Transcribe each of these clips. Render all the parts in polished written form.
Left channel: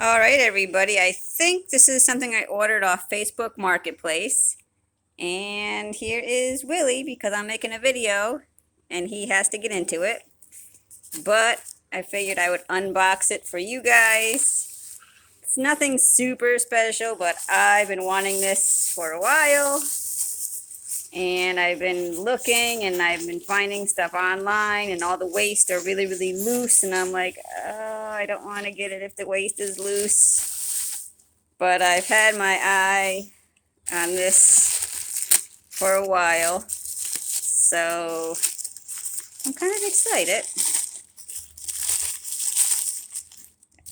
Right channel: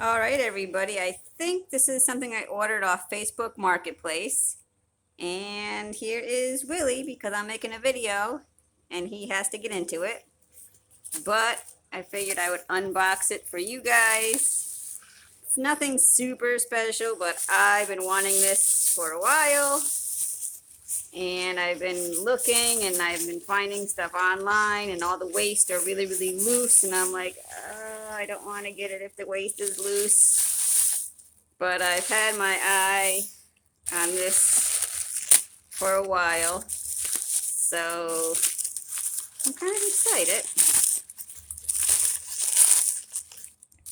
All right, everybody. I think this is something I ordered off Facebook Marketplace. And here is Willie because I'm making a video and he has to get into it. But I figured I would unbox it for you guys. It's nothing super special, but I've been wanting this for a while. And I've been looking and I've been finding stuff online, and all the waist are really, really loose. And I'm like, I don't want to get it if the waist is loose. But I've had my eye on this for a while, so I'm kind of excited.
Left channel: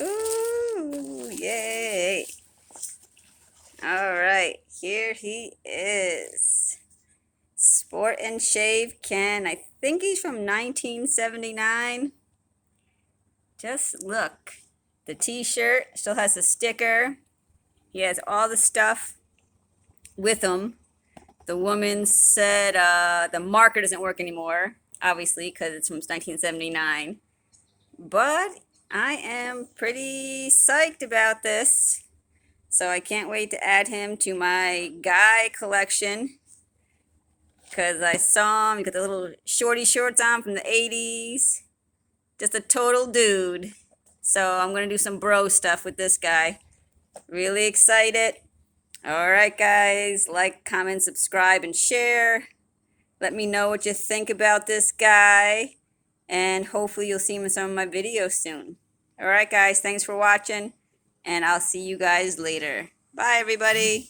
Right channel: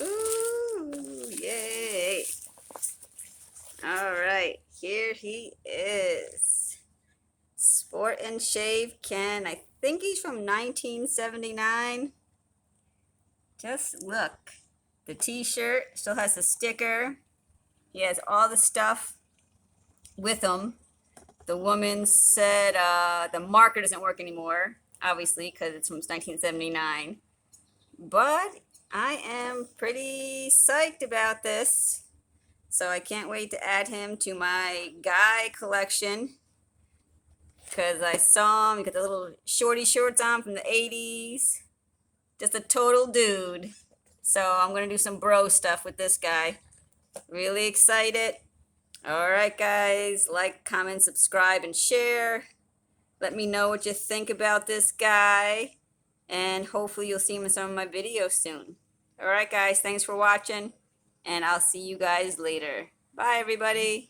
Ooh, yay. All right, here he is. Sport and Shave Ken. I think he's from 1979. Just look. The t-shirt still has the sticker. He has all the stuff with him. The woman said the marker doesn't work anymore, obviously, because it's from 1979. But I am pretty psyched about this. So I can't wait to add him to my guy collection. Because I saw him, got the little shorty shorts on from the 80s. Just a total dude. So I'm going to do some bro stuff with this guy. Really excited. All right, guys. Like, comment, subscribe, and share. Let me know what you think about this guy. And hopefully you'll see him in some of my videos soon. All right, guys. Thanks for watching. And I'll see you guys later. Bye, everybody.